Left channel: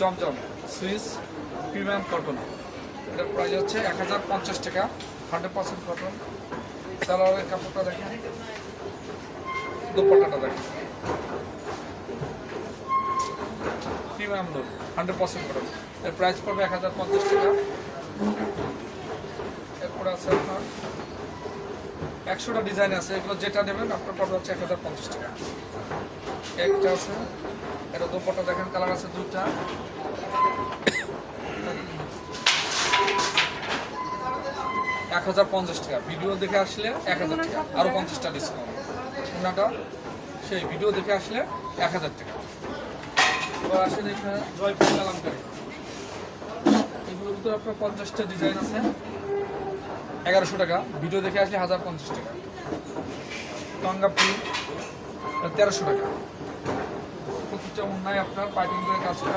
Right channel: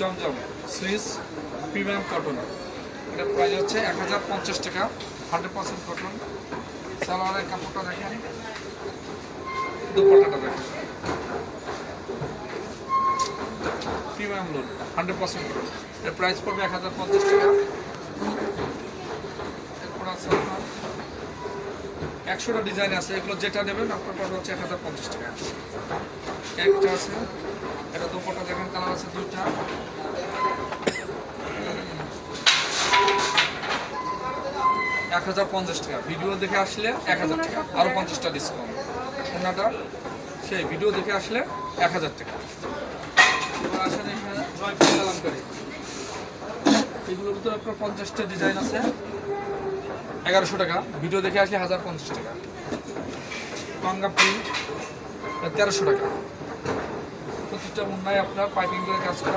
জমজম Swiss premium cotton, এটার price হচ্ছে 1050 টাকা। 100% কটন। সালোয়ারের কাপড়টা দেখেন, দুপাট্টাটা দেখেন, প্রিমিয়াম লুক, 100% কটন। এর প্রাইস পড়বে 1050 টাকা। এরপর আছে আপনার 100টা ডিজাইন আছে, এগুলো যেটা নেবেন আপনার পড়বে হচ্ছে 1050 টাকা। একটা আছে, এটা দুপাট্টা দেখেন, কালার আছে দুইটা, 1050 টাকা। ভিডিও দেখে আসলে 1000 টাকা, আরও 50টা ডিসকাউন্ট। ওনাটা সেই ভিডিও দেখে আসলে 1000 টাকা। এবার আসেন এখানে জয়পুরি কালামকারী, এগুলোর ভিতরে আপনার 50টা ডিজাইন আছে, 1100 টাকা। ভিডিও দেখে আসলে 1050 টাকা। পাঙ্গাপুরি 1300 টাকা। প্রতিটা অন্যায় আপনার পাইপিং করে কাজ করা।